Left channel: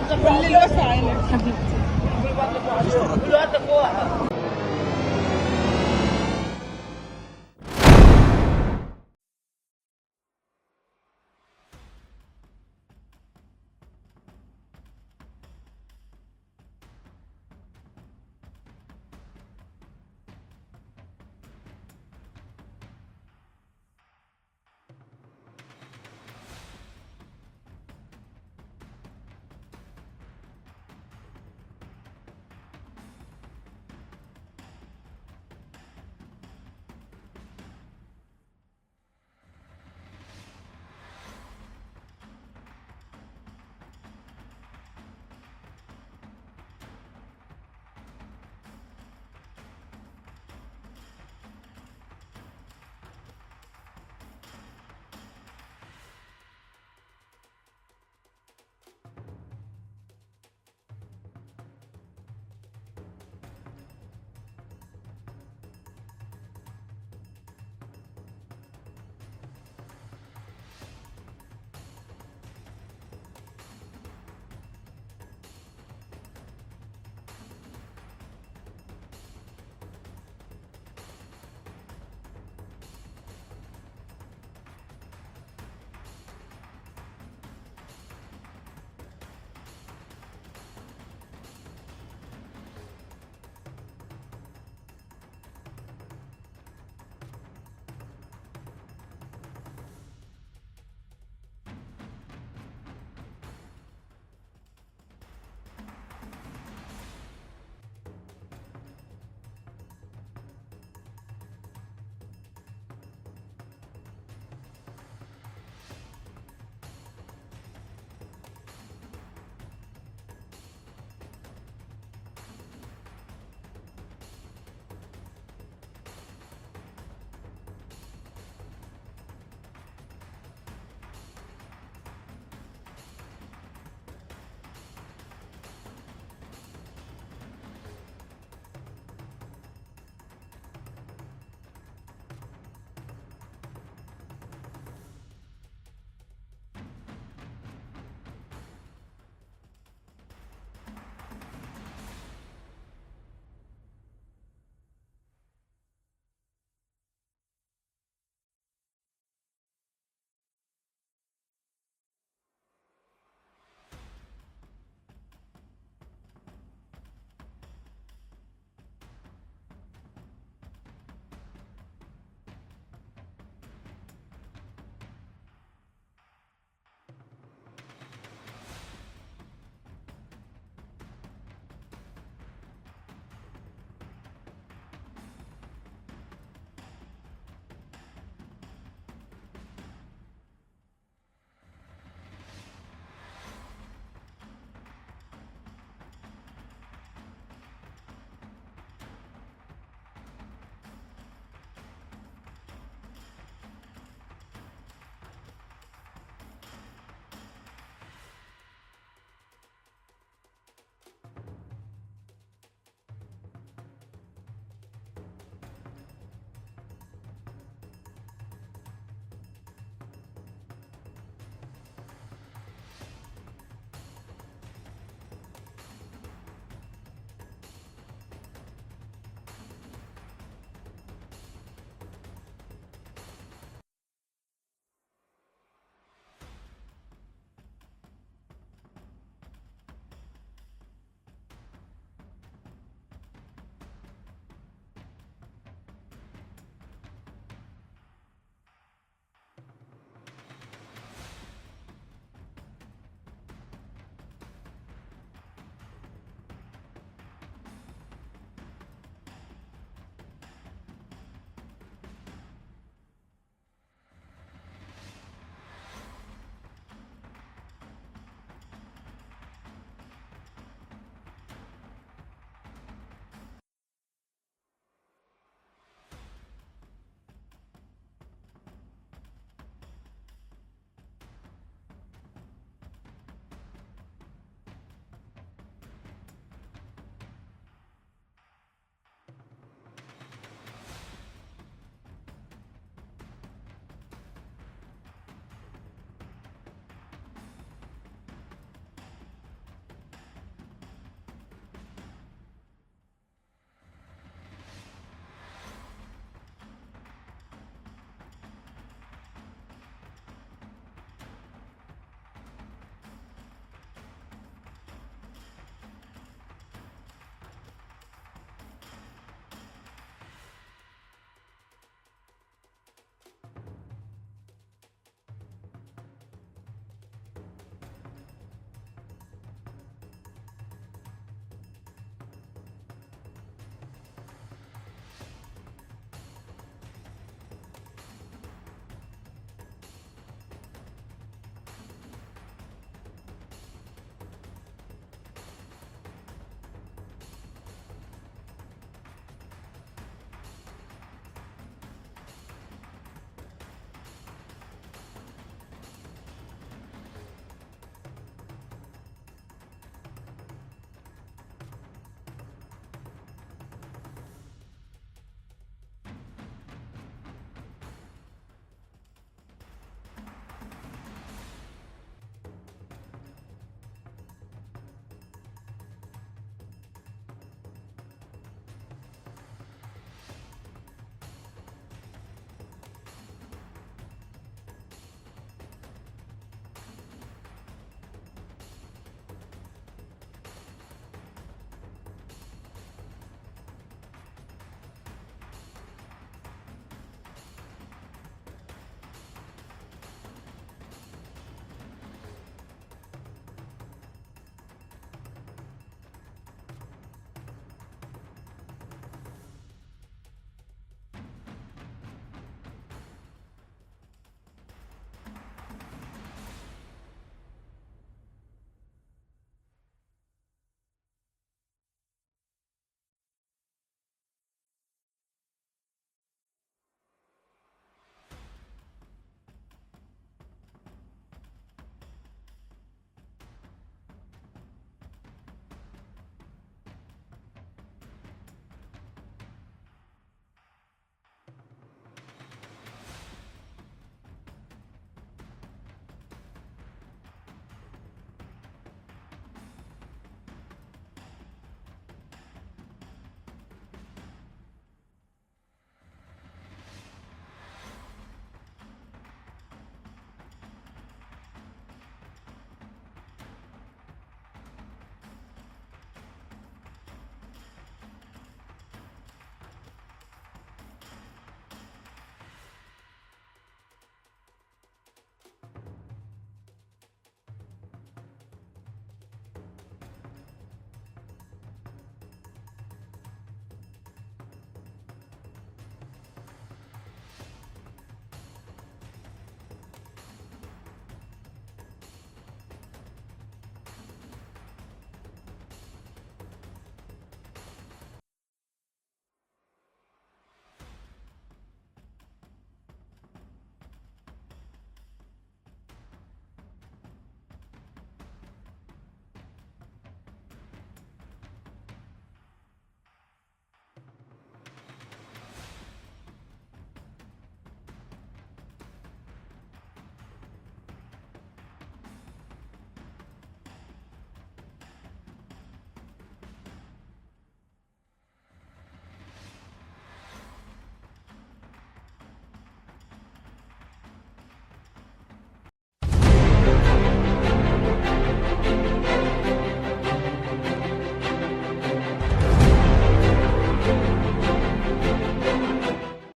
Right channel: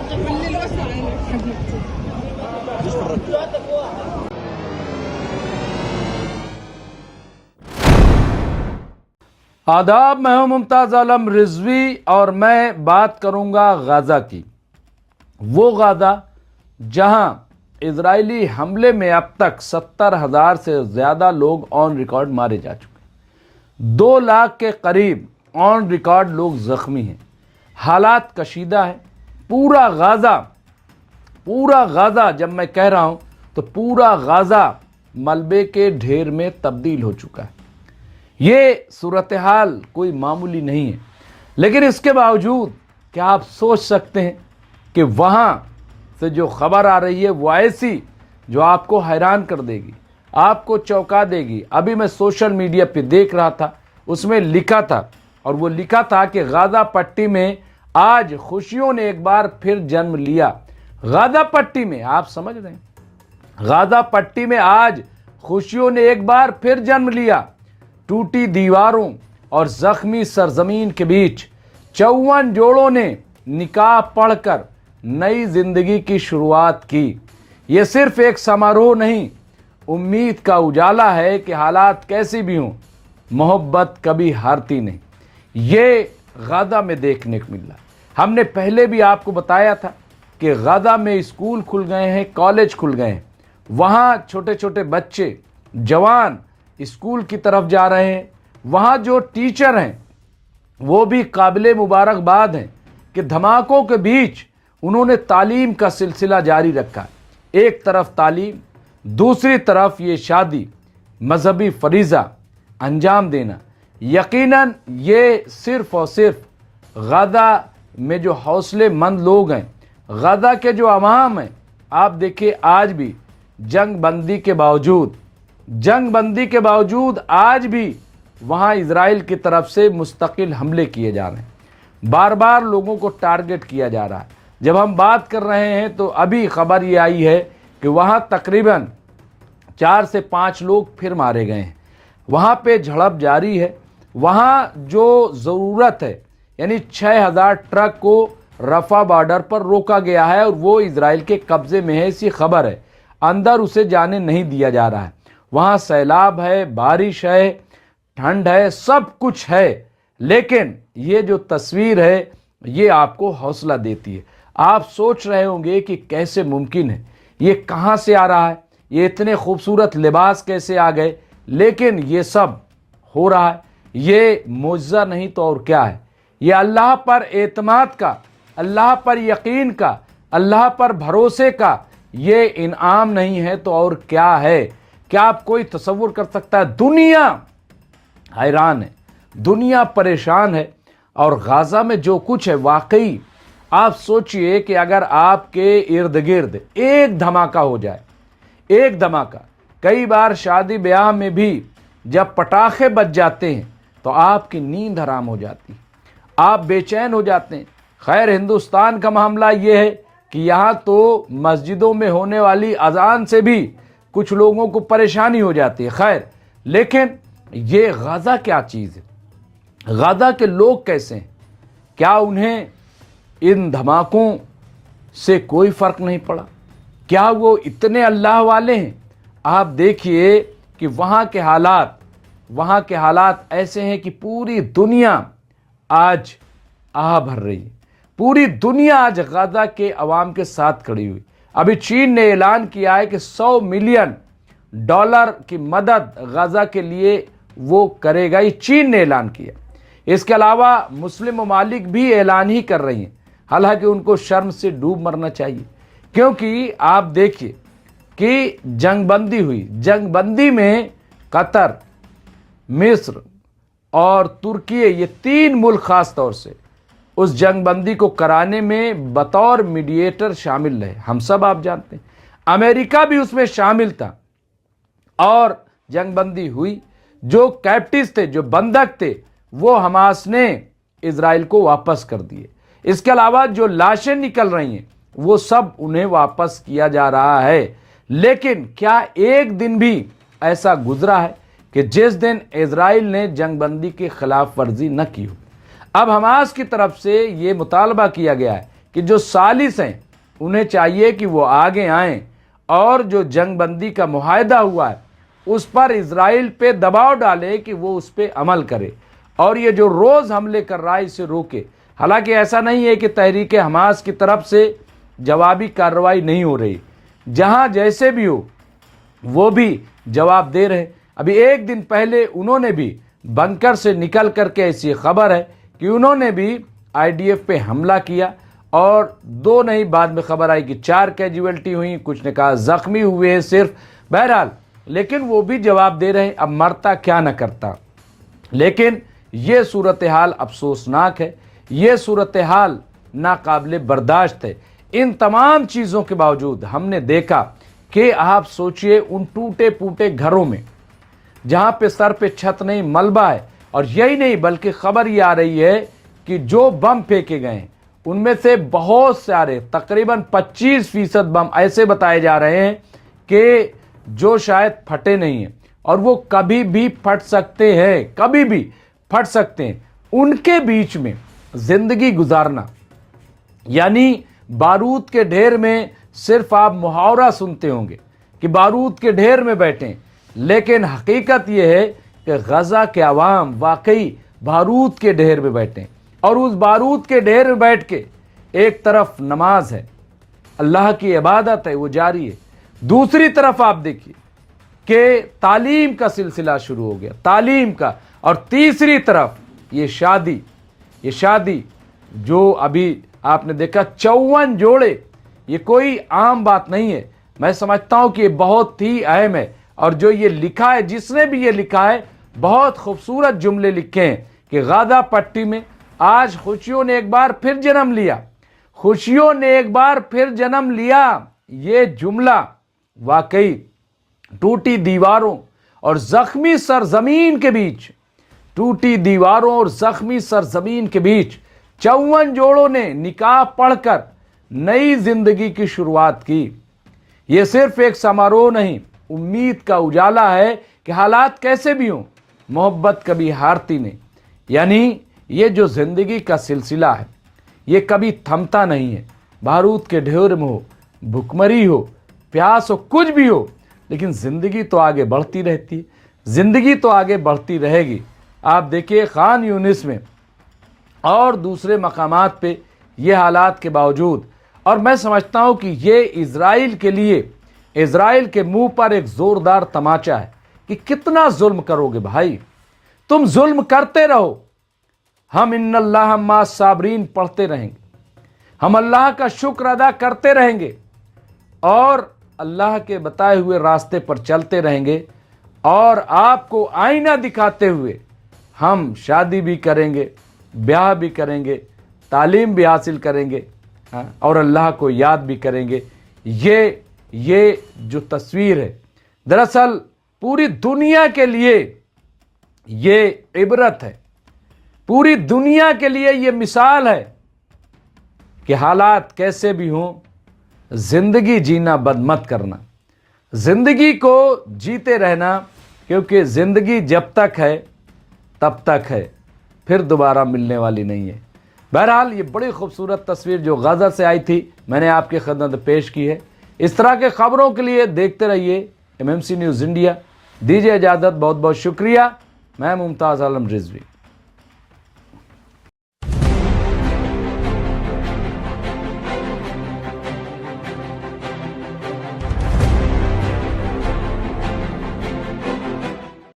आदाब, मैं हूं मुमताज आलम रिजवी और मैं बात करूंगा गाजा की। वो गाजा जहां इजरायली हमले में अब तक 70,000 से ज़्यादा लोग ऑन रिकॉर्ड मारे जा चुके, 2 लाख के करीब ऑन रिकॉर्ड लोग ज़ख्मी हैं, हालात कशीदा है। पूरा गाज़ा जब मैं कह रहा हूं तो पूरा गाज़ा मलबे के ढेर में तब्दील हो चुका है। ये सूरत हाल कोई मामूली नहीं है, लेकिन इसके बावजूद क्या आप सोच सकते हैं कि वहाँ से जो खबर आ रही है वो ऐसी जो आपको हैरान कर देगी, आपको चौंका देगी। अभी मैं सोशल मीडिया पे देख रहा था, उसमें लिखा था, और वो लिखा था कि गाज़ा पट्टी में आज खुशियों ने एक बार फिर जन्म लिया। गाज़ा पट्टी में, आप समझ रहे हैं, गाज़ा पट्टी में आज खुशियों ने एक बार फिर जन्म लिया। टूटी दीवारों और जख्मी सरजमीन के बीच 54 जोड़ों ने निकाह पढ़कर नई जिंदगी की शुरुआत की। ये सिर्फ एक समारोह नहीं, उम्मीद का उजाला है कि हालात कैसी भी हों, मोहब्बत कभी हारती नहीं। ये गाज़ा में देखने को मिला। हमने पहले भी आपको बताया था कि गाज़ा में स्कूल खुल गए हैं, कॉलेज खुल गए हैं, वहाँ छोटे छोटे बच्चे, जवान स्कूल की तरफ जा रहे हैं। वहाँ जो टीचर हैं वो भी काबिले मुबारकबाद हैं कि धमाकों के बीच उन्होंने तालीम का सिलसिला जारी रखा। एक तरफ तालीम, दूसरी तरफ ये शादी, मजहबी फरीज़ा अंजाम देना। यकीनन ये सिर्फ़ और सिर्फ गाज़ा में जो हौसलेमंद लोग हैं, गाज़ा के जो अवाम हैं, आप देखिए आज भी जंग बंदी के बावजूद आज भी वहाँ इजराइल की तरफ से मुस्तकिल हमले किए जा रहे हैं, बार बार लोगों को टारगेट किया जा रहा है। जब हम बात कर रहे हैं तो अभी खबर ये आई है कि वहाँ तकरीबन 4 से 5 लोग फिर मारे गए हैं। वहाँ पे झड़प जारी है। वहाँ जो ज़रूरत है, यानी 6,000 ट्रक को रफ़ा बॉर्डर पर रोका गया है और वो इजराइल के कब्ज़े में है, ऐसी खबर है। अंदर उसे जाने नहीं दिया जा रहा है। वहाँ सैलाब है, बारिश है, ठंड है, सब कुछ है, लेकिन ये जो तस्वीर है ये आपको हौसला देती है। आप सोच रहे होंगे कि कैसे मुमकिन है, ये कहाँ से आ रहा है, ये इतने खूबसूरत लिबास कैसे आ गए, लेकिन ये सब हो रहा है। ये मुआजिज़ा नहीं तो और क्या है। ये अल्लाह पर एतमाद का, अल्लाह पर यकीन का, अल्लाह पर भरोसे का ये इनाम नहीं है तो और क्या है। क्या आप कोई तसव्वुर कर सकता है? दुनिया हैरान है, दुनिया परेशान है, और गाज़ा में जो कुछ है, वाकई आप सोचिए कि अगर आपके इर्द गिर्द एक धमाका हो जाए, एक धमाका, कई बार शादी ब्याह में भी जब पटाखे बज जाते हैं तो आपकी नींद हराम हो जाती, आप बेचैन हो जाते हैं। खैर, हिंदुस्तान का मामला ये है कि यहाँ तो मस्जिदों में होने वाली अजान से भी कुछ लोगों को परेशानी हो जाती है। खैर, लेकिन ये गाज़ा क्या चीज़ है, गाज़ा के लोग कैसे हैं? क्या उन्हें इन धमाकों से कोई फ़र्क नहीं पड़ा? क्या वो इतने अल्लाह वाले हैं? आप देखिए कि वहाँ के हालात ऐसे हैं कि पूरी दुनिया आज आह भर रही है। पूरी दुनिया आज गाज़ा के अवाम के साथ खड़ी हुई। अभी चीन ने ऐलान किया है कि $100 मिलियन की मदद गाज़ा के लिए वो करेगा। ये चीन ने ऐलान किया। इसके अलावा मुस्लिम ममालिक भी ऐलान ही कर रही हैं, हालांकि उनको शर्म से डूब मरना चाहिए, क्योंकि आप देखिए कि जंगबंदी हुई। जंगबंदी में कतर, मिस्र और तुर्की, ये 3 मुल्क खास तौर से उस जंगबंदी को कराने में बतौर मीडिएटर शामिल रहे। हम सब आप जानते हैं, अमेरिका भी उसमें शामिल था और जंगबंदी हुई। जो कैप्टिव्स थे, जो बंधक थे, वो हमास ने इजराइल को वापस कर दिए। इसके अलावा जो लाशें निकल रही हैं वो सब उन्हें वापस किया जा रहा है। लेकिन क्या एक दिन भी ऐसा गुजरा है कि जिस दिन इजराइल ने जंगबंदी की खिलाफ वर्जी न की हो? अब हमास की तरफ से ये मुतालबा किया गया है کہ جو ثالث ہیں انہیں چاہیے کہ وہ آگے آئیں اور جو جنگ بندی کا معاہدہ ہوا ہے اس پر اسرائیل پہ دباؤ ڈالے کہ وہ اس پہ عمل کرے اور یہ جو روز حملے کر رہا ہے اسے روکے۔ حالانکہ ایسا نہیں ہے کہ تحریک حماس کی طرف سے جوابی کارروائی نہیں ہو رہی، جہاں جیسے بھی ہو وہ بھی جواب دے رہے۔ ابھی ایک دن پہلے انہوں نے بھی بنکر سے نکل کر کے ایسی خبر ہے کہ انہوں نے بھی آئی ڈی ایف پہ حملہ کیا اور 2 نہیں، بعد میں خبر آئی کہ 4 کیجویلٹی ہوئی، کچھ نے کہا زخمی ہوئے ہیں صرف، بہرحال لیکن وہ بھی جواب دے رہے ہیں، اب مرتا کیا نہ کرتا۔ لیکن یہ صورتحال افسوسناک ہے، یہ صورتحال ناقابل برداشت ہے۔ ان تمام چیزوں کے باوجود ہم نے دیکھا کہ آپ سوچئے ان ٹوٹے پوٹے گھروں میں جہاں پہ سر پہ چھت نہیں، ملبہ ہے، اور یہی نہیں بلکہ خبر یہ آ رہی ہے کہ جو بم پھینکے گئے ہیں ان میں سے بہت سارے تقریباً 25% بم ایسے بتائے جا رہے ہیں کہ جو شاید پھٹے نہیں ہیں اور وہ کبھی بھی پھٹ سکتے ہیں، کبھی بھی پھٹ سکتے ہیں۔ ان کے بیچ میں زندگی گزارنا، یعنی بارود کے ڈھیر میں صرف آپ محاورہ سنتے ہوں گے کہ بارود کے ڈھیر میں بیٹھیں، لیکن حقیقت یہ ہے کہ غزہ کے عوام واقعی بارود کے ڈھیر میں بیٹھیں، اور اس بارود کے ڈھیر میں بیٹھ کے ایک طرف نماز ہے، اللہ کی عبادت ہے، وہ جاری ہے، دوسری طرف آپ دیکھیے کہ تعلیم کا سلسلہ شروع ہو گیا، تعلیم کا، اور تیسری طرف یہ شادی جو ابھی آپ نے دیکھا 54 جوڑے، یہ کوئی عام بات نہیں ہے، میں سمجھتا ہوں کہ یہ بہت ہی اہم ہے۔ اور جو یہ لکھا ہے، جس نے بھی یہ لکھا ہے، بہت خوبصورت جملے لکھے ہیں کہ غازہ پٹی میں آج خوشیوں نے ایک بار پھر جنم لیا، خوشیوں نے ایک بار پھر جنم لیا۔ یہ جملہ واقعی ٹوٹی دیواروں اور زخمی سرزمین کے بیچ، ٹوٹی دیواروں اور زخمی سرزمین کے بیچ 54 جوڑوں نے نکاح پڑھ کر نئی زندگی کی شروعات کی۔ یہ صرف ایک سماروہ نہیں، امید کا اجالا ہے کہ حالات کیسے بھی ہوں، محبت کبھی ہارتی نہیں۔ یعنی یہ جو زندگی کا سلسلہ ہے یہ کبھی تھمتا نہیں ہے، بارود کے ڈھیر میں ہو، بھوکمری ہو، پیاس ہو، کچھ بھی ہو، لیکن زندگی تو آگے بڑھتی رہتی ہے، زندگی تو آگے بڑھتی رہے گی۔ آپ دیکھیے خان یونس میں اور دوسرے مقامات پہ یہ حالات کے باوجود، اور میں سمجھتا ہوں کہ یہ اسرائیل کے لیے، اسرائیل کے منہ پر ایک زوردار تماچا ہے کہ کتنا ظلم کرو گے بھائی، تم ظلم کرتے رہو، ہم ان اللہ مع الصابرین پڑھتے رہیں گے، ہم اللہ کا شکر ادا کرتے رہیں گے اور اللہ کے بتائے ہوئے راستے پر چلتے رہیں گے، اور آپ کو آئینہ دکھاتے ہوئے ہم شادی بھی کریں گے، بیاہ بھی کریں گے، تعلیم بھی حاصل کریں گے، اور اللہ کو یاد بھی کریں گے۔ یہ جو تصویر ہے دراصل پوری دنیا کے لیے یہ عبرت ہے، پوری دنیا کے لیے یہ مثال ہے کہ حالات کیسے بھی ہوں، زندگی جینا بند مت کرنا، زندگی کو جیتے رہنا، کیونکہ زندگی جب تک ہے تب تک ہے، پھر دوبارہ ملنے والی نہیں ہے۔ بہرحال یہ بڑی خوبصورت تصویر جو غزہ سے آئی تھی میں نے آپ کی خدمت پیش کی ہے۔ اس طرح کے خبروں کے لیے دیکھتے رہیے MMC نیوز انڈیا۔ دیجیے اجازت، بہت بہت شکریہ۔ میں ممتاز عالم رضوی۔